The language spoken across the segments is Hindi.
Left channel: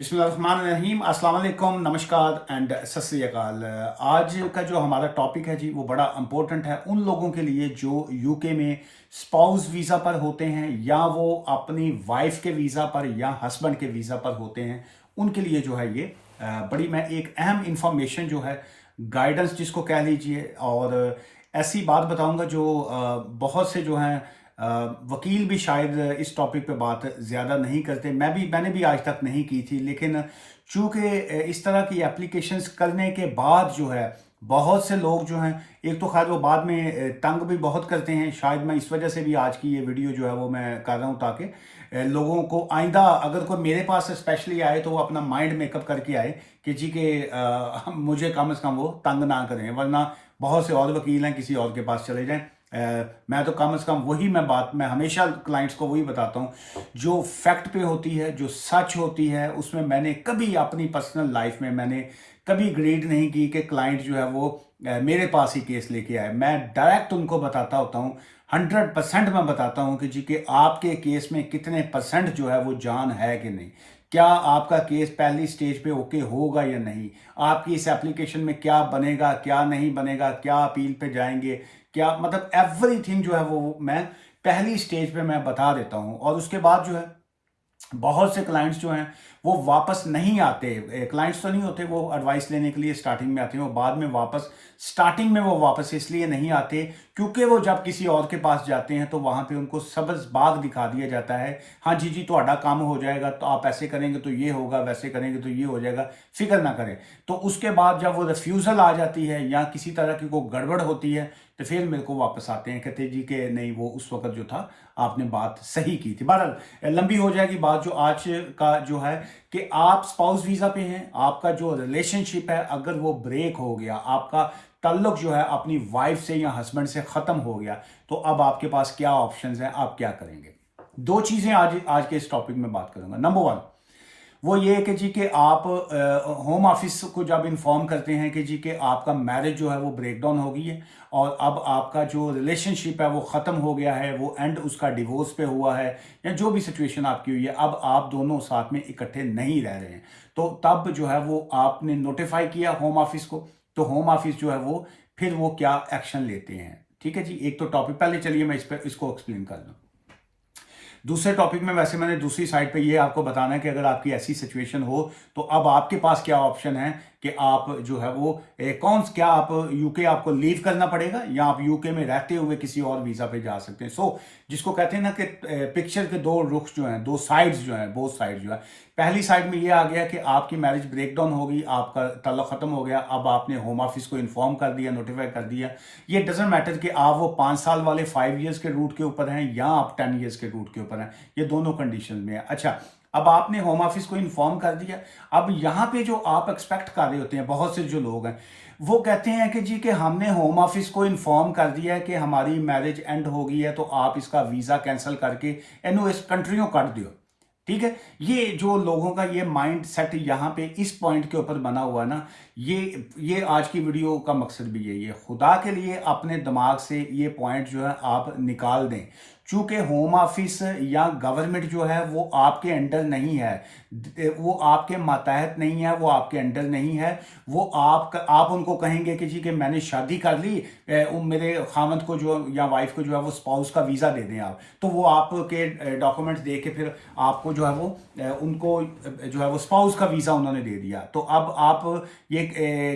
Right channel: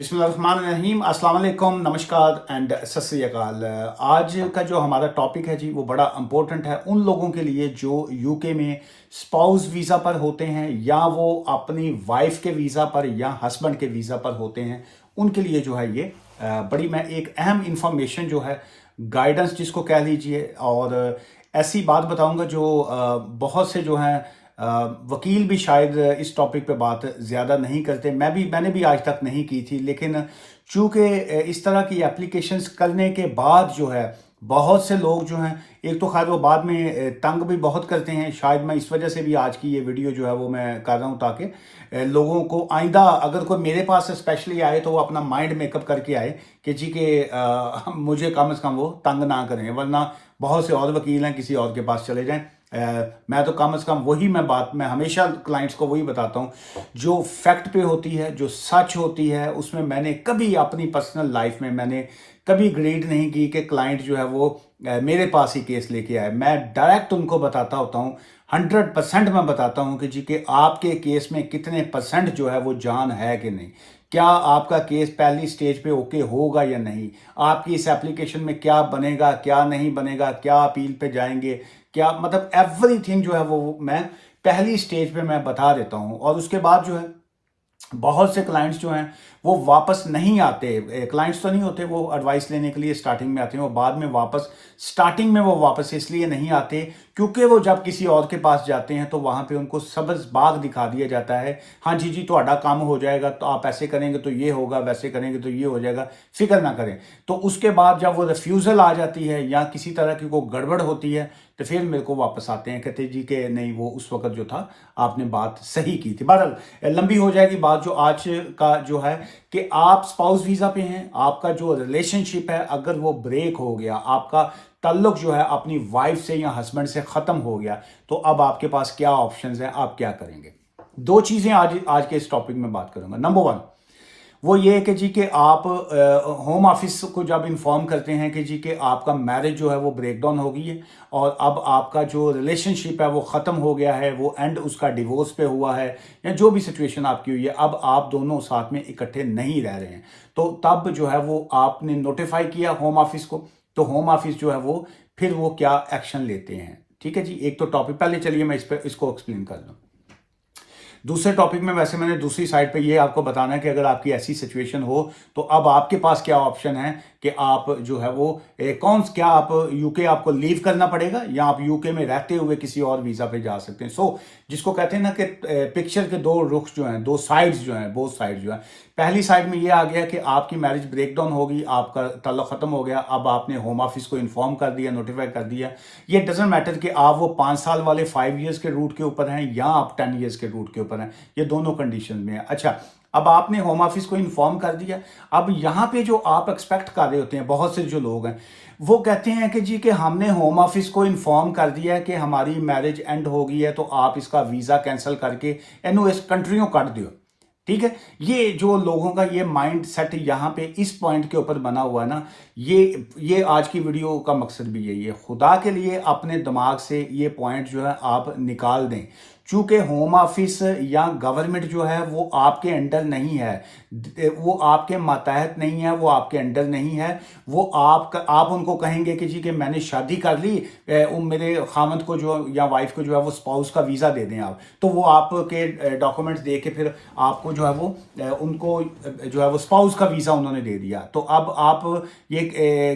बिस्मिल्लाहिर्रहमानिर्रहीम, अस्सलाम वालेकुम, नमस्कार एंड सत श्री अकाल। आज का जो हमारा टॉपिक है जी वो बड़ा इंपॉर्टेंट है उन लोगों के लिए जो यूके में स्पाउस वीज़ा पर होते हैं या वो अपनी वाइफ के वीज़ा पर या हस्बैंड के वीज़ा पर होते हैं। उनके लिए जो है ये बड़ी मैं एक अहम इंफॉर्मेशन जो है, गाइडेंस जिसको कह लीजिए, और ऐसी बात बताऊंगा जो बहुत से जो हैं वकील भी शायद इस टॉपिक पे बात ज़्यादा नहीं करते। मैंने भी आज तक नहीं की थी, लेकिन चूंकि इस तरह की एप्लीकेशंस करने के बाद जो है बहुत से लोग जो हैं, एक तो खैर वो बाद में तंग भी बहुत करते हैं। शायद मैं इस वजह से भी आज की ये वीडियो जो है वो मैं कर रहा हूँ, ताकि लोगों को आइंदा अगर कोई मेरे पास स्पेशली आए तो वो अपना माइंड मेकअप करके आए कि जी के मुझे कम से कम वो तंग ना करें, वरना बहुत से और वकील हैं, किसी और के पास चले जाएं। मैं तो कम से कम मैं हमेशा क्लाइंट्स को वही बताता हूँ जो फैक्ट पे होती है, जो सच होती है। उसमें मैंने कभी अपनी पर्सनल लाइफ में मैंने कभी ग्रीड नहीं की कि क्लाइंट जो है वो मेरे पास ही केस लेके आए। मैं डायरेक्ट उनको बताता होता हूँ, 100% मैं बताता हूँ कि जी कि आपके केस में कितने परसेंट जो है वो जान है कि नहीं, क्या आपका केस पहली स्टेज पे ओके होगा या नहीं, आपकी इस एप्लीकेशन में क्या बनेगा क्या नहीं बनेगा, क्या अपील पे जाएंगे, क्या मतलब एवरीथिंग जो है वो मैं पहली स्टेज पे मैं बता देता हूं। और उसके बाद जो है बहुत से क्लाइंट्स जो हैं वो वापस नहीं आते। क्लाइंट्स तो नहीं होते, वो एडवाइस लेने के लिए स्टार्टिंग में आते हैं, वो बाद में वापस स्टार्टिंग में वो वापस इसलिए नहीं आते क्योंकि वो जब किसी और के पास जाते हैं तो वहां पे उनको सब्ज बाग दिखा दिया जाता है। हाँ जी जी, ਤੁਹਾਡਾ काम हो जाएगा, तो आप ऐसे करेंगे तो ये होगा, वैसे करेंगे तो ये हो जाएगा, फिक्र ना करें। तो उसके बाद जब वो रिफ्यूजल आ जाती है या किसी तरह की कोई गड़बड़ होती है तो फिर मेरे को वापस आते हैं, कहते जी के नहीं वो उस वक्त जो था आपने बात सही की थी। बहरहाल लंबी हो जाएगी बात। जो आज का जो है कि आप स्पाउस वीजा पे हैं, आपका जो रिलेशनशिप है अगर वो ब्रेक हो गया, आपका ताल्लुक जो है अपनी वाइफ से या हस्बैंड से खत्म हो गया, तो अब आपके पास क्या ऑप्शंस हैं, आप क्या करेंगे। दो चीजें आज आज के इस टॉपिक में बात करूंगा। नंबर वन वो ये है कि जी कि आप होम ऑफिस को जब इन्फॉर्म करते हैं कि जी कि आपका मैरिज जो है वो ब्रेक डाउन हो गई है और अब आपका जो रिलेशनशिप है वो ख़त्म हो गया है, वो एंड उसका डिवोर्स पे हुआ है या जो भी सिचुएशन आपकी हुई है, अब आप दोनों साथ में इकट्ठे नहीं रह रहे हैं, तो तब जो है वो आपने नोटिफाई किया होम ऑफिस को, तो होम ऑफिस जो है वो फिर वो क्या एक्शन लेते हैं। ठीक है जी, एक तो टॉपिक पहले चलिए मैं इसको एक्सप्लेन कर दूं। दूसरे टॉपिक में वैसे मैंने दूसरी साइड पे ये आपको बताना है कि अगर आपकी ऐसी सिचुएशन हो तो अब आपके पास क्या ऑप्शन है कि आप जो है वो क्या आप यूके आपको लीव करना पड़ेगा या आप यूके में रहते हुए किसी और वीजा पे जा सकते हैं। जिसको कहते हैं ना कि पिक्चर के दो रुख जो हैं, दो साइड्स जो हैं, बोथ साइड जो है। पहली साइड में ये आ गया कि आपकी मैरिज ब्रेकडाउन होगी, आपका ताल्लुक खत्म हो गया, अब आपने होम ऑफिस को इन्फॉर्म कर दिया, नोटिफाई कर दिया। ये डजेंट मैटर कि आप वो 5 साल वाले 5 ईयर्स के रूट के ऊपर हैं या आप 10 ईयर्स के रूट के ऊपर हैं, ये दोनों कंडीशन में है। अच्छा, अब आपने होम ऑफिस को इन्फॉर्म कर दिया। अब यहां पे जो आप एक्सपेक्ट कर रहे होते हैं, बहुत से जो लोग हैं वो कहते हैं कि जी कि हमने होम ऑफिस को इन्फॉर्म कर दिया है कि हमारी मैरिज एंड हो गई है, तो आप इसका वीजा कैंसिल करके एनु इस कंट्रियों कर दो। ठीक है, ये जो लोगों का ये माइंड सेट यहाँ पे इस पॉइंट के ऊपर बना हुआ है ना, ये आज की वीडियो का मकसद भी यही है। खुदा के लिए अपने दिमाग से ये पॉइंट जो है आप निकाल दें। चूंकि होम ऑफिस या गवर्नमेंट जो है वो आपके अंडर नहीं है, वो आपके मातहत नहीं है, वो आपके अंडर नहीं है। वो आप उनको कहेंगे कि जी कि मैंने शादी कर ली, मेरे खामद को जो या वाइफ को जो है वो स्पाउस का वीजा दे दें आप, तो वो आपके डॉक्यूमेंट्स दे के फिर आपको जो है वो उनको जो है वो स्पाउस का वीजा उन्होंने दे दिया। तो अब आप ये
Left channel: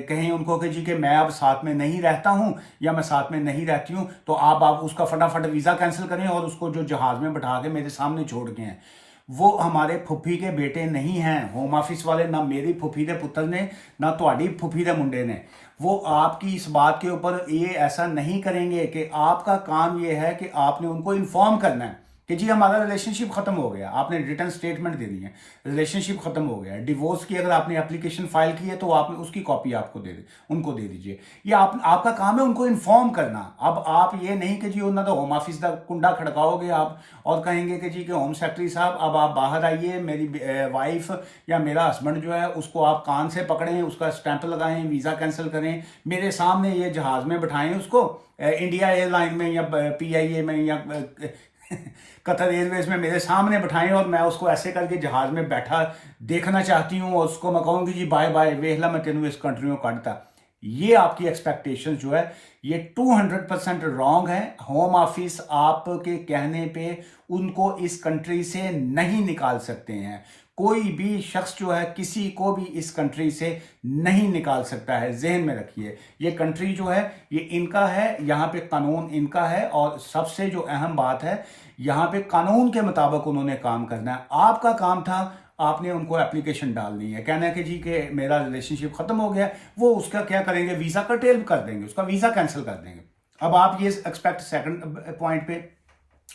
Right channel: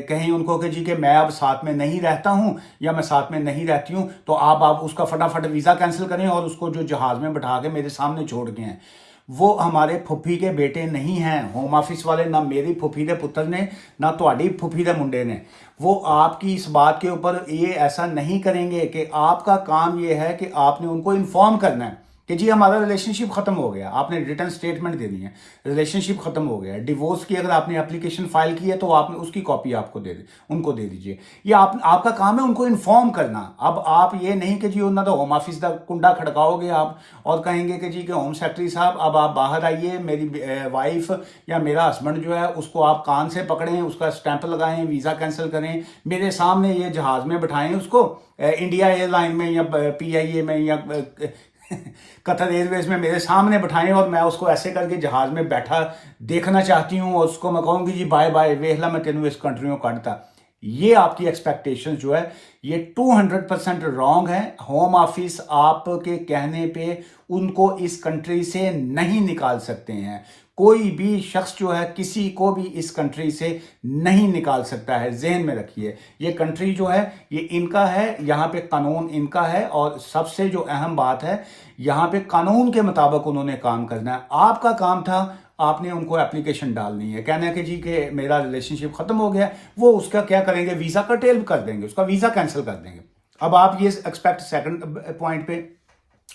कहें उनको कि जी कि मैं अब साथ में नहीं रहता हूं या मैं साथ में नहीं रहती हूं, तो आप उसका फटाफट वीजा कैंसिल करें और उसको जो जहाज में बैठा के मेरे सामने छोड़ के हैं। वो हमारे फुफी के बेटे नहीं हैं होम ऑफिस वाले, ना मेरी फुफी के पुत्र ने, ना तुम्हारी फुफी के मुंडे ने। वो आपकी इस बात के ऊपर ये ऐसा नहीं करेंगे कि आपका काम ये है कि आपने उनको इन्फॉर्म करना है कि जी हमारा रिलेशनशिप खत्म हो गया, आपने रिटर्न स्टेटमेंट देनी है, रिलेशनशिप खत्म हो गया। डिवोर्स की अगर आपने एप्लीकेशन फाइल की है तो आपने उसकी कॉपी उनको दे दीजिए। ये आपका काम है उनको इन्फॉर्म करना। अब आप ये नहीं कि जी उन्होंने तो होम ऑफिस का कुंडा खड़काओगे आप और कहेंगे कि जी के होम सेक्रेटरी साहब अब आप बाहर आइए, मेरी वाइफ या मेरा हस्बैंड जो है उसको आप कान से पकड़ें, उसका स्टैंप लगाएं, वीजा कैंसिल करें, मेरे सामने ये जहाज में बैठाएं उसको, इंडिया एयरलाइन में या PIA में या कतर एयरवेज में मेरे सामने बैठाएं और मैं उसको ऐसे करके जहाज में बैठा देखना चाहती हूँ और उसको मैं कहूँगी जी बाय बाय, वेखला मैं तेनों इस कंट्री में काटता। ये आपकी एक्सपेक्टेशन जो है ये 200% रॉन्ग है। होम ऑफिस आपके कहने पे उनको इस कंट्री से नहीं निकाल सकते हैं। कोई भी शख्स जो है किसी को भी इस कंट्री से नहीं निकाल सकता है, जहन में रखिए। ये कंट्री जो है ये इनका है, यहाँ पे कानून इनका है और सबसे जो अहम बात है यहाँ पे कानून के मुताबिक उन्होंने काम करना है। आपका काम था आपने उनको एप्लीकेशन डालनी है, कहना है कि जी कि मेरा रिलेशनशिप खत्म हो गया, वो उसका क्या करेंगे, वीजा का टेल कर देंगे, उसका वीजा कैंसिल कर देंगे। अब आप ये एक्सपेक्ट सेकंड पॉइंट पे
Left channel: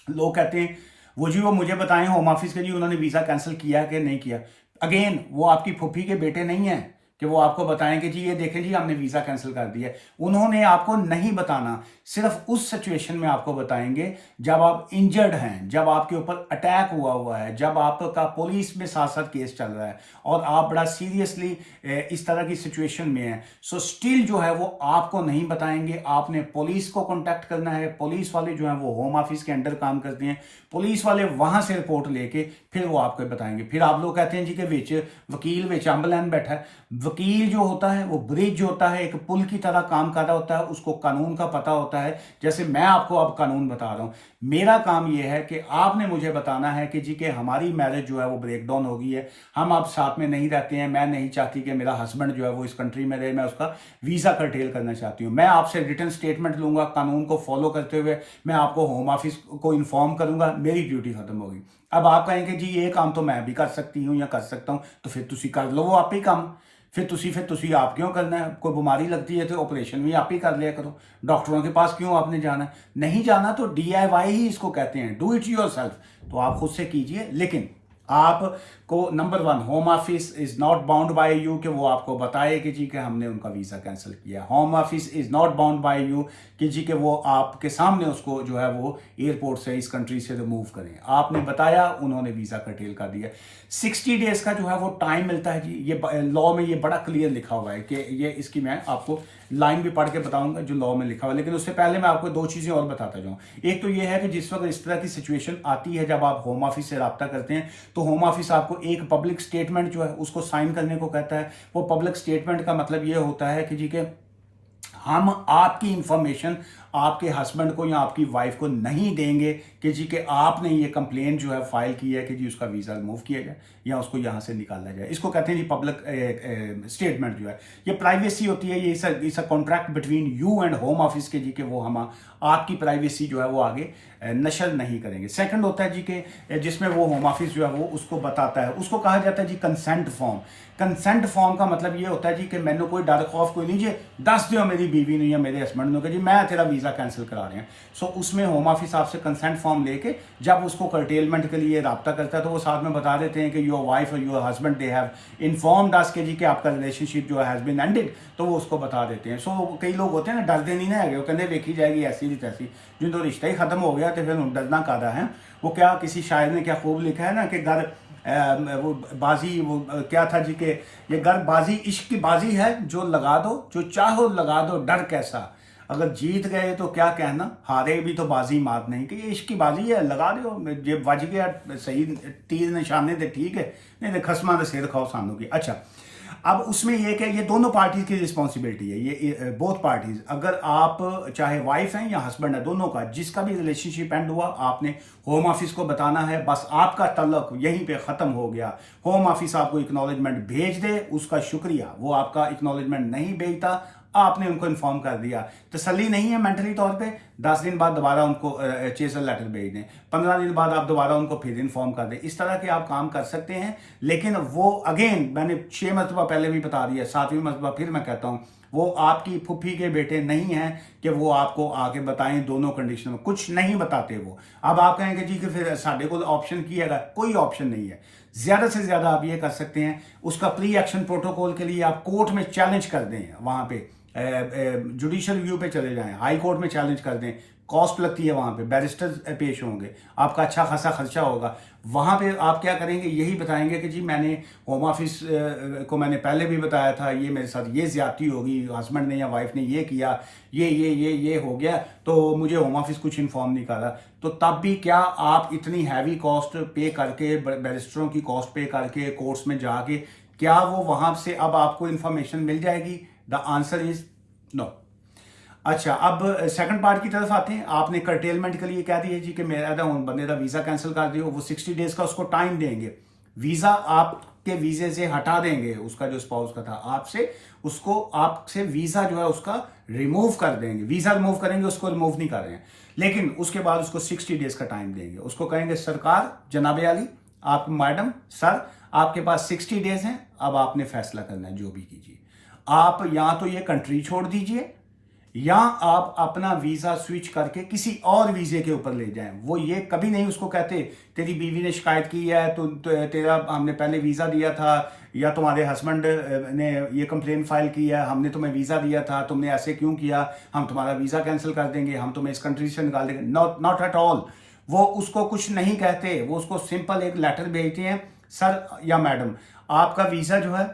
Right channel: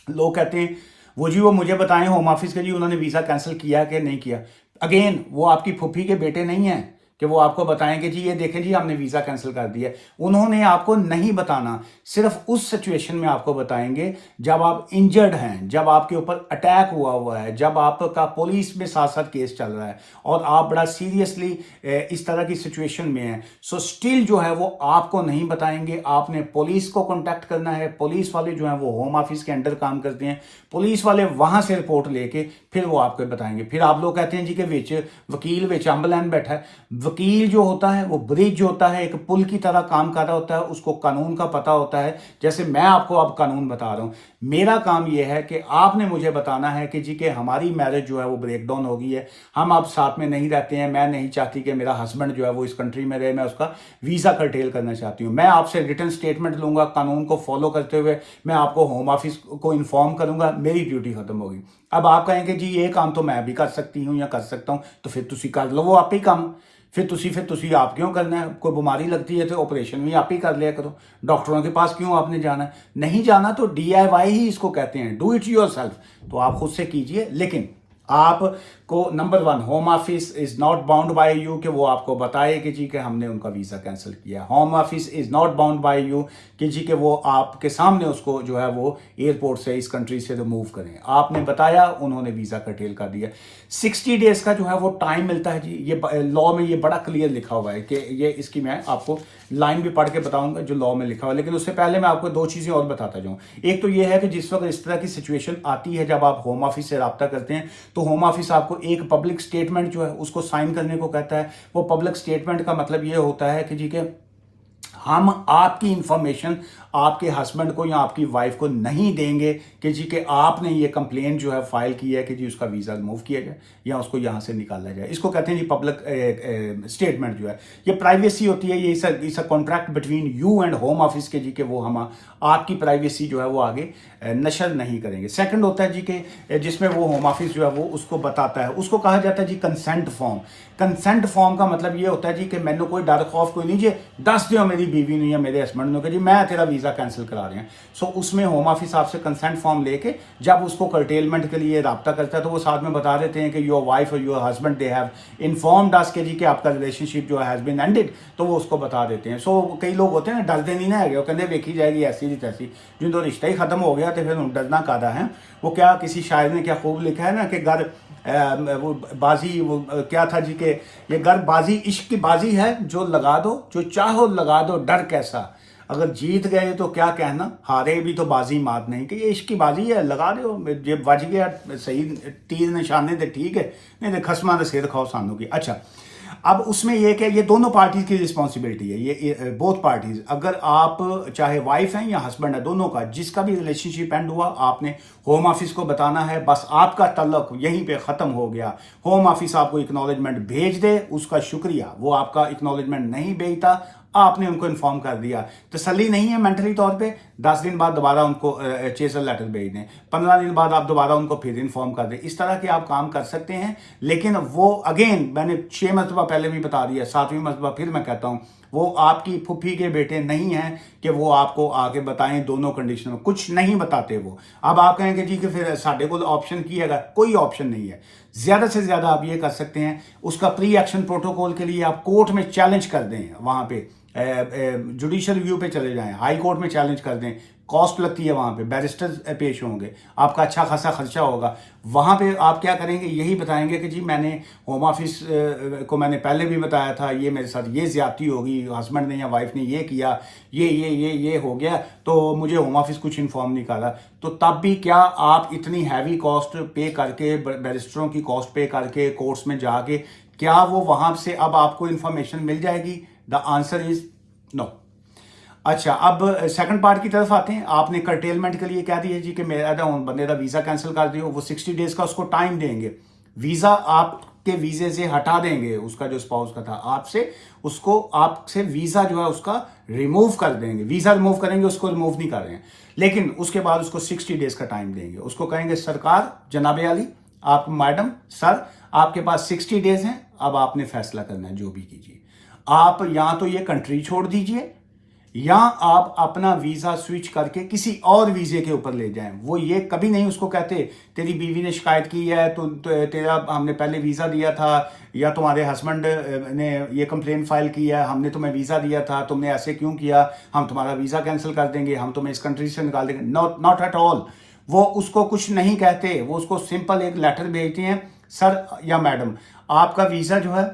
लोग कहते हैं वो जी वो मुझे बताएं होम ऑफिस के जी उन्होंने वीजा कैंसिल किया कि नहीं किया। अगेन वो आपकी फुफी के बेटे नहीं है कि वो आपको बताएं कि जी ये देखें जी हमने वीजा कैंसिल कर दिया। उन्होंने आपको नहीं बताना, सिर्फ उस सिचुएशन में आपको बताएंगे जब आप इंजर्ड हैं, जब आपके ऊपर अटैक हुआ है, जब आपका पुलिस में साथ साथ केस चल रहा है और आप बड़ा सीरियसली इस तरह की सिचुएशन में है। सो स्टिल जो है वो आपको नहीं बताएंगे। आपने पुलिस को कांटेक्ट करना है। पुलिस वाले जो है वो होम ऑफिस के अंडर काम करते हैं। पुलिस वाले वहां से रिपोर्ट लेके फिर वो आपको बताएंगे। फिर आप लोग कहते हैं जी कि विच वकील विच अम्बलैन बैठा है। वकील जो होता है वो ब्रिज जो होता है, एक पुल की तरह काम कर रहा होता है, उसको कानून का पता होता है। जैसे मैं आपको अब कानून बता रहा हूं, मेरा काम यह है कि आपने मुझे बताना है कि जी कि हमारी मैरिज जो है वो ब्रेक डाउन हो गई है, हम अब साथ में नहीं रहते हैं, मैं नहीं चाहती कि मेरा हस्बैंड जो है वो इस कंट्री में रहे, मैं उसका वीजा कर्टेल करना चाहती हूँ। मैं आपसे रिटन स्टेटमेंट लूंगा, कानून को फॉलो करते हुए मैं आपको होम ऑफिस को इन्फॉर्म करूंगा, मेरी ड्यूटी खत्म होगी। अब आप कहेंगे जी ये काम तो मैं भी कर सकती हूँ या कर सकता हूँ, तो फिर तुसी कर लो वो आप ही काम। फिर तुसी आप क्यों करना है? कोई बीमारी लगती है तो ऑपरेशन भी आप ही कर लिया करो, डॉक्टरों के पास क्यों आपने जाना है? नहीं जाना तो DIY ही इसको कहते हैं, डू इट योरसेल्फ। तो आप खुद से कीजिए। लेकिन आपको number 1 home office is not bound by you कि वो आपको बताए कि जी कि हमने उनका वीजा कैंसिल किया। Home office is not bound by you कि जी कि वो आपके सामने उसको जो है वो एयरपोर्ट से इस कंट्री से रिमूव करें। आपने बताया, उन्होंने वीजा कर्टेल कर दिया। 60 डेज का जो है वो टाइम मिलता है जी। ये लॉ में ये बड़ा क्लियर लिखा हुआ है कि ये इसकी मैं आपको लाइन भी पढ़ के बताऊंगा जो लॉ में लिखा हुआ है। लेकिन उससे पहले मैं आपको 2 चीजें और बताता जाऊं। एक तो ये है कि जिस वक्त इस तरह की सिचुएशन आती है, जब आप होम ऑफिस से रब्ता करते हैं तो होम ऑफिस आपको एक पब्लिक स्टेटमेंट जो है उसको साइन करने को कहता है। वो पब्लिक स्टेटमेंट का मतलब ये होता है कि जी के हम आपकी इंफॉर्मेशन आपके हस्बैंड को या आपकी वाइफ को नहीं देंगे कि जी के आपने ये कंप्लेंट जो है फाइल की है कि जी उसका वीजा रिमूव किया जाए या उसको यहां से निकाला जाए। इसको कहते हैं जी पब्लिक स्टेटमेंट जो है। ये प्राइवेसी होती है, ये इस contract between you and home office के जी के वो हम आपकी प्राइवेसी जो है वो आगे नशर नहीं करेंगे। सेकंड होता है जी के जिसमें वो होम ऑफिस जो है वो उसको बताता है, उसको कहा जाता है जी कंसेंट फॉर्म। कंसेंट फॉर्म का मतलब ये होता है जी कि मैंने कोई डर खौफ कोई नहीं जी, दस दियो मेरी बीवी ने या मेरे हस्बैंड ने कि जी मैं तेरा वीजा कैंसिल करा रहे हैं। सो उसमें होम ऑफिस आपसे कंसेंट फॉर्म लेके जब उसको कर्टेलमेंट के लिए राब्ता करता है तो वो साथ में बता देते हैं कि योर वाइफ और your husband they have informed us के जी कि आपका रिलेशनशिप जो हैज बीन एंडेड, तो वो उसको बता देते हैं। सो कई लोग होते हैं ना डरते नहीं ना है, वो कहते देखी जाएगी ऐसी भी तैसी, जिन तो रिश्ता ही खत्म हो गया तो फिर डरना कादा है। वो क्या किसी शायर ने क्या खूब लिखा है ना कि घर वो बाजी वो क्या था जी के ये घर बाजी इश्क की बाजी है, जो लगा दो जो चाहो लगा दो डर कैसा, अगर जीत गए तो क्या कहना, हारे भी तो बाजी मात नहीं, कि ये इश्क की बाजी है, लगा दो जे बज गया सही तीर निशाने थे ठीक है, नहीं तो खसमा तो सिर खाओ सानू की। अच्छा, अब उसमें यह कि ये दोनों पार्टीज की रिस्पॉन्सिबिलिटी है, ये बोथ पार्टीज, अगर आप चाहे वाइफ हैं या हस्बैंड है, दोनों का जिसका भी रिलेशनशिप एंड हुआ आपने होम ऑफिस को बताना है। बस आपका तल्लक यहीं पे खत्म हो गया। होम ऑफिस आपको एक्नॉलेजमेंट भेज दे उसका शुक्रिया, वो आपका एक्नॉलेजमेंट नहीं भेजता, आपने उनको इन्फॉर्म कर दिया, तसल्ली नहीं है मेंटली तौर पे, 10 दिन बाद दोबारा उनको चेजर लेटर भेज दें, 15 दिन बाद आप दोबारा उनको फिर इन्फॉर्म कर दें। इस तरह के आप काम कर सकते हैं। लेकिन वो अगेन मैंने 6 मरतबा पहले भी बता दिया, 7वीं मरतबा फिर मैं कहता हूं, वो आपकी फुफ्फी के बेटे नहीं हैं कि वो आपको आके बताएं दोनों कंडीशन में, कुछ नहीं बताते वो। अब आप कहेंगे जी कि फिर साढ़े को ऑप्शन किएगा, कोई ऑप्शन नहीं है। ज्यादा से ज्यादा आप ये कर सकते हैं, उसका प्री एक्शन प्रोटोकॉल के लिए आप कोर्ट में चैलेंज कर दें, वहां पे जुडिशियल रिव्यू पे चले जाएं, हाई कोर्ट में चैलेंज कर दें, कॉस्ट लगती है, वहाँ पे बैरिस्टर पेश होंगे, आपका अच्छा खासा खर्चा होगा। वहाँ पे आप क्या करेंगे, यही बताएंगे कि जी मैंने होम ऑफिस को मैंने पहले भी बताया था, ये मेरे साथ ये ज्यादती होगी, हस्बैंड ने या वाइफ ने ये किया, ये हो गया, तो मुझे होम ऑफिस कुछ इन्फॉर्म नहीं करा। तो तब भी क्या आप इतनी हैवी कॉस्ट पे करके, बैरिस्टरों की कॉस्ट पे करके, कोर्ट्स में जाके, क्या वो वहां से अब आपको इंफॉर्मेशन मिल जाएगी? The answer is no. अच्छा, अब सेकंड पार्ट की तरफ आते हैं। आपने कर्टेलमेंट के लिए कह दिया जी कि मेरा बंदे का वीजा कैंसिल कर दियो, वो 60 डेज का उसको टाइम देंगे, वीजा आपके वीजे से हटा देंगे, उसका जो स्पाउस का था आपसे, उसको आपसे वीजा जो है उसका रिमूव कर देंगे, वीजा रिमूव करेंगे, उसको रिमूव नहीं कर रहे हैं, लेकिन उसके बाद उसको 60 डेज का टाइम देंगे। उसको कहेंगे सरकार, जनाबे आली, आप मैडम, सर, आपके पास 60 डेज हैं, अब आपने फैसला करना है, जो भी कीजिए। आप या तो ये कंट्री छोड़ दीजिए, या आप अपना वीजा स्विच करके किसी और वीजे के ऊपर ले जाएं। वो ये कभी नहीं उसको कहते तेरी बीवी ने शिकायत की है, तो तेरा हमने पहले वीजा दिया था, या तुम्हारे हस्बैंड ने ये कंप्लेन फाइल की है, हमने तुम्हें वीजा दिया था, तुमने ऐसे क्यों किया, हम तुम्हारा वीजा कैंसिल कर देंगे, हम तुम्हें इस कंट्री से निकाल देंगे। Not at all. वो उसको कुछ नहीं कहते, वो उसको सिंपल एक लेटर भेजते हैं, सर या मैडम, आपका वीजा जो है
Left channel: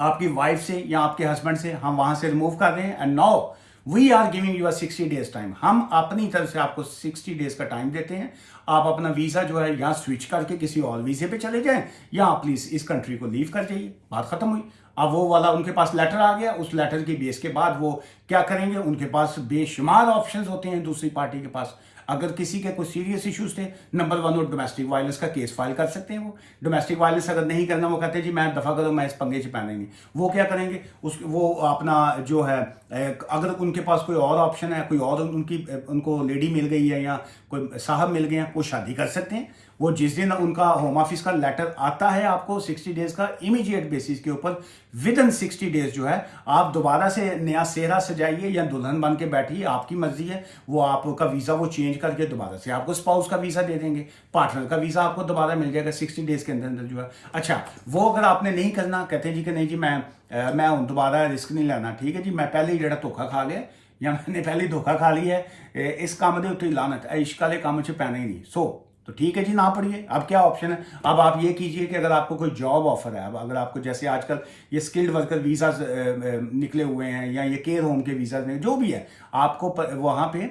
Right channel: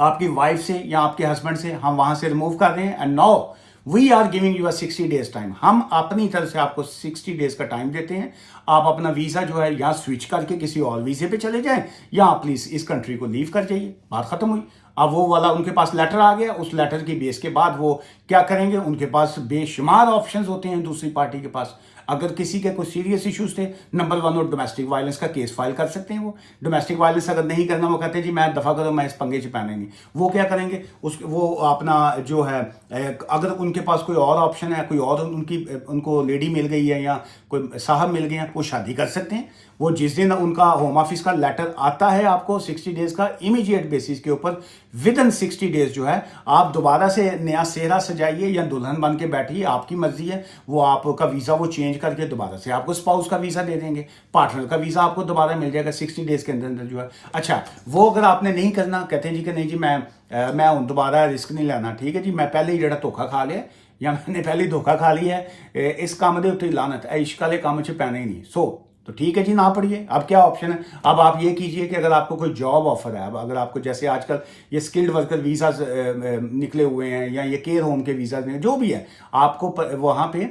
आपकी वाइफ से या आपके हस्बैंड से हम वहां से रिमूव कर रहे हैं, and now we are giving you 60 days time. हम अपनी तरफ से आपको 60 डेज का टाइम देते हैं, आप अपना वीजा जो है या स्विच करके किसी और वीजे पे चले जाएं, या प्लीज इस कंट्री को लीव कर जाइए, बात खत्म हुई। अब वो वाला उनके पास लेटर आ गया, उस लेटर की बेस के बाद वो क्या करेंगे, उनके पास बेशुमार ऑप्शंस होते हैं दूसरी पार्टी के पास। अगर किसी के कोई सीरियस इश्यूज थे, नंबर 1 और डोमेस्टिक वायलेंस का केस फाइल कर सकते हैं। वो डोमेस्टिक वायलेंस अगर नहीं करना, वो कहते हैं जी मैं दफा करो, मैं इस पंगे से पहने नहीं, वो क्या करेंगे, वो अपना जो है, अगर उनके पास कोई और ऑप्शन है, कोई और उनको लेडी मिल गई है या कोई साहब मिल गए हैं, वो शादी कर सकते हैं। वो जिस दिन उनका होम ऑफिस का लेटर आता है आपको 60 डेज का, इमीडिएट बेसिस के ऊपर विद इन 60 डेज जो है आप दोबारा से नया सेहरा सजाइए या दुल्हन बन के बैठिए, आपकी मर्जी है। वो आपका वीजा वो चेंज करके दोबारा से आपको स्पाउस का वीजा दे देंगे, पार्टनर का वीजा आपको दोबारा मिल जाएगा 60 डेज के अंदर अंदर जो है। अच्छा, वो अगर आपने नहीं करना, कहते हैं जी कि नहीं जी मैं दोबारा रिस्क नहीं लेना, ठीक है जी, मैं पहले ही जरा धोखा खा लिया, या मैंने पहले ही धोखा खा लिया है, इस काम के उत्ते लानत है, इश्क वाले काम च पैना ही नहीं, तो ठीक है जी, ना पढ़िए। अब क्या ऑप्शन है, अब आप ये कीजिए कि अगर आपको कोई जॉब ऑफर है, अब अगर आपको जैसे आजकल ये स्किल्ड वर्कर वीजा निकले हुए हैं, या ये केयर होम के वीजा, जो भी है, आपको वहां पे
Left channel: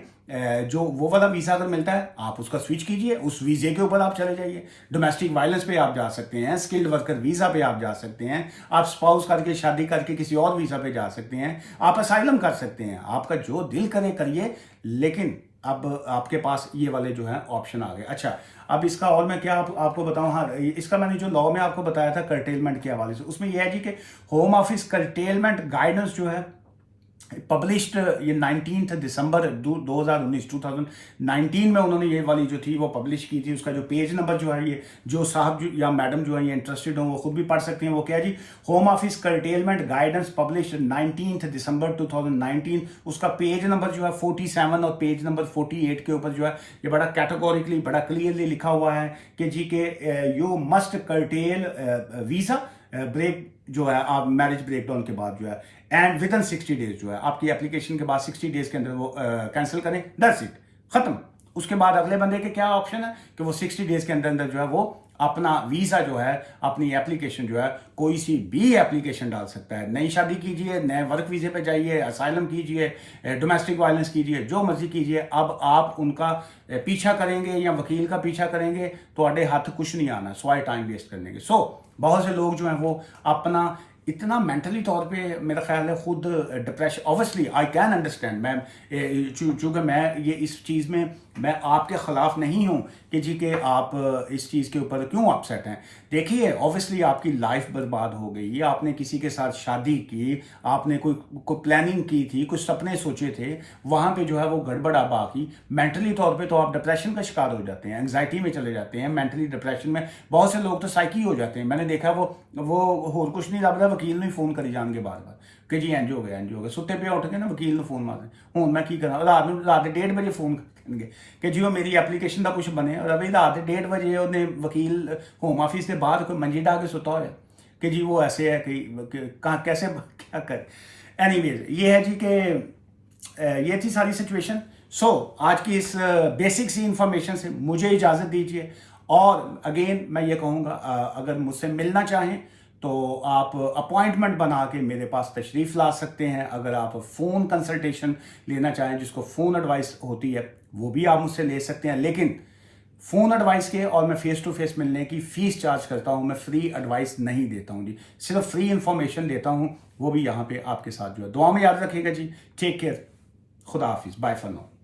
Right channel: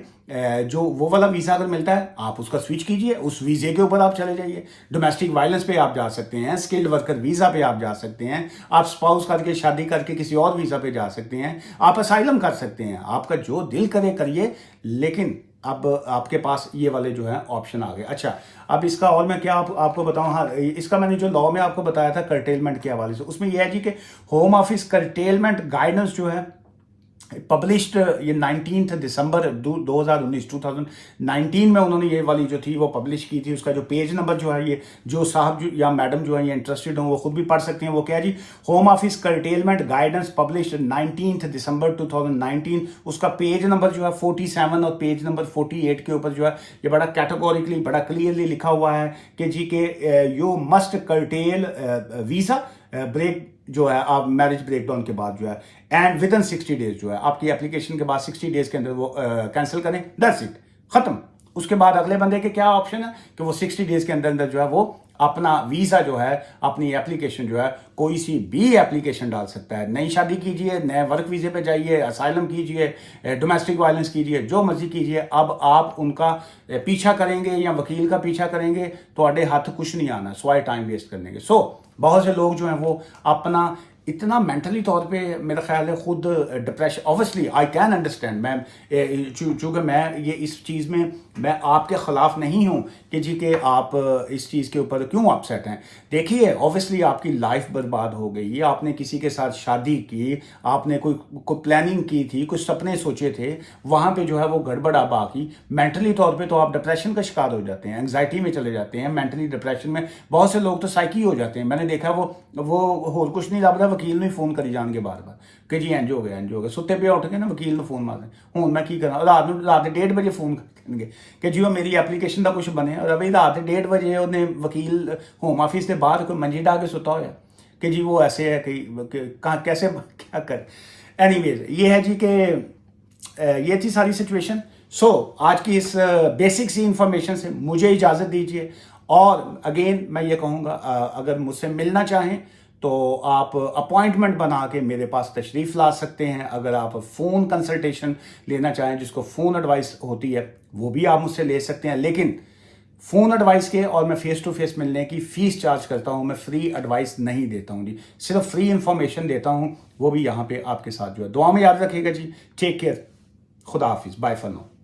जो वो वाला वीजा अगर मिलता है, आप उसका स्विच कीजिए, उस वीजे के ऊपर आप चले जाइए। डोमेस्टिक वायलेंस पे आप जा सकते हैं, स्किल्ड वर्कर वीजा पे आप जा सकते हैं, आप स्पाउस करके शादी करके किसी और वीजा पे जा सकते हैं, आप असाइलम कर सकते हैं, आपका जो दिल करे करिए, लेकिन अब आपके पास ये वाले जो है ऑप्शन आ गए। अच्छा, अब इसका और मैं क्या आपको बताऊं, हाँ, इसका मैंने जो लॉ में आपको बताया था कर्टेलमेंट के हवाले से, उसमें यह है जी कि होम ऑफिस कर्टेलमेंट गाइडेंस जो है पब्लिश्ड ये 19 दिसंबर 2019 में उन्होंने ये वाली जो थी वो पब्लिश की थी। उसका जो पेज नंबर जो है, ये जो साहब या मैडम जो है ये इंटरेस्टेड हो वो खुद भी पढ़ सकते हैं। वो क्या है जी, home office curtailment guidance published 19 December 2019, उसका पेज नंबर जो है 47 और पेज नंबर 48 के ऊपर जो है ये बड़ा कैटेगोरिकली, बड़ा क्लियरली लिखा हुआ है कि जी के you must curtail visa break जो है, आप मैरिज ब्रेकडाउन के बाद जो है, एंड विद इन 60 डेज जो है, आपकी एप्लीकेशन के बाद 60 डेज के अंदर वो कैंसिल करें, दैट्स इट, खत्म। उसके बाद अगले बंदे के क्या ऑप्शन है कि वो 60 डेज के अंदर अंदर जो है वो अपना वीजा जो है, अपनी एप्लीकेशन जो है, कोई सी भी एप्लीकेशन डाल सकता है। नई शादी कीजिए, नए वर्क वीजे पे जाइए, असाइलम कीजिए, डोमेस्टिक वायलेंस कीजिए, जो मर्जी कीजिए। अब आप उनका पीछा करेंगे या वकील का पीछा करेंगे तो आड़े हाथ कुछ नहीं आना, स्वाय टाइम वेस्ट करने के। बहुत से लोग जो हैं वो अपना इतना मेंटली तौर पे, मेरा ख्याल है, खुद depression, obviously I can understand, मैं चूंकि मैं ये इस चीज़ में मैं आपके खिलाफ नहीं हूं कि जी कि आप इस चीज़ के ऊपर क्यों अपसेट हैं। देखिए, ऑब्वियसली आपकी लाइफ बर्बाद हो गई, आपने किसी के साथ शादी की, आपने कोई प्लानिंग की थी, कुछ सपने सोचे थे, वहां पे जो है वो गड़बड़ आ बाकी, मेंटली तौर पे तो आप डिप्रेशन का शिकार हो जाते हैं, एंग्जाइटी में चले जाते हैं, मेंटली डिप्रेशन में बहुत से लोग तो साइकी हो जाते हैं। मैंने देखा वो होर कुछ नहीं लग रहा, वकील ने फोन करी जाएंगे बार बार कि जी इंज हो गया, सुते पे उठ के ना वकील ने फोन मार, हूँ मैं की करा, रात 1:30 बजे फोन करनगे कि जी वो मेरी एप्लीकेशन का कुछ बने, और अभी रात 1:30 बजे उन्हें वकील होम ऑफिस से बाहर कोई मंजी डाल के सुता हो कि जी वो ऐसे है कि कहाँ कैसे क्या कर। एनीवेज, ये है जी कि ये थी सारी सिचुएशन। आज की इस बेसिक सी इंफॉर्मेशन से मुझे इजाज़त दीजिए। और अगेन मैं ये कहूँगा, अगर मुझसे मिलना चाहें तो आप अपॉइंटमेंट बना के मेरे पास तशरीफ़ ला सकते हैं। अगर आप फ़ोन कंसल्टेशन लेना चाहें, जिसको फ़ोन एडवाइस होती है, वो भी आप मुझसे ले सकते हैं। लेकिन फ़ोन एडवाइस के और मैं फ़ेस टू फ़ेस मिलने की फ़ीस चार्ज करता हूँ। मैं फ्री एडवाइस नहीं देता हूँ जी, सिर्फ फ्री इंफॉर्मेशन देता हूँ, वो भी यहाँ पे आपके साथ जो है। दुआ में याद रखिएगा जी। Take care. खुदा हाफिज़। Bye for now.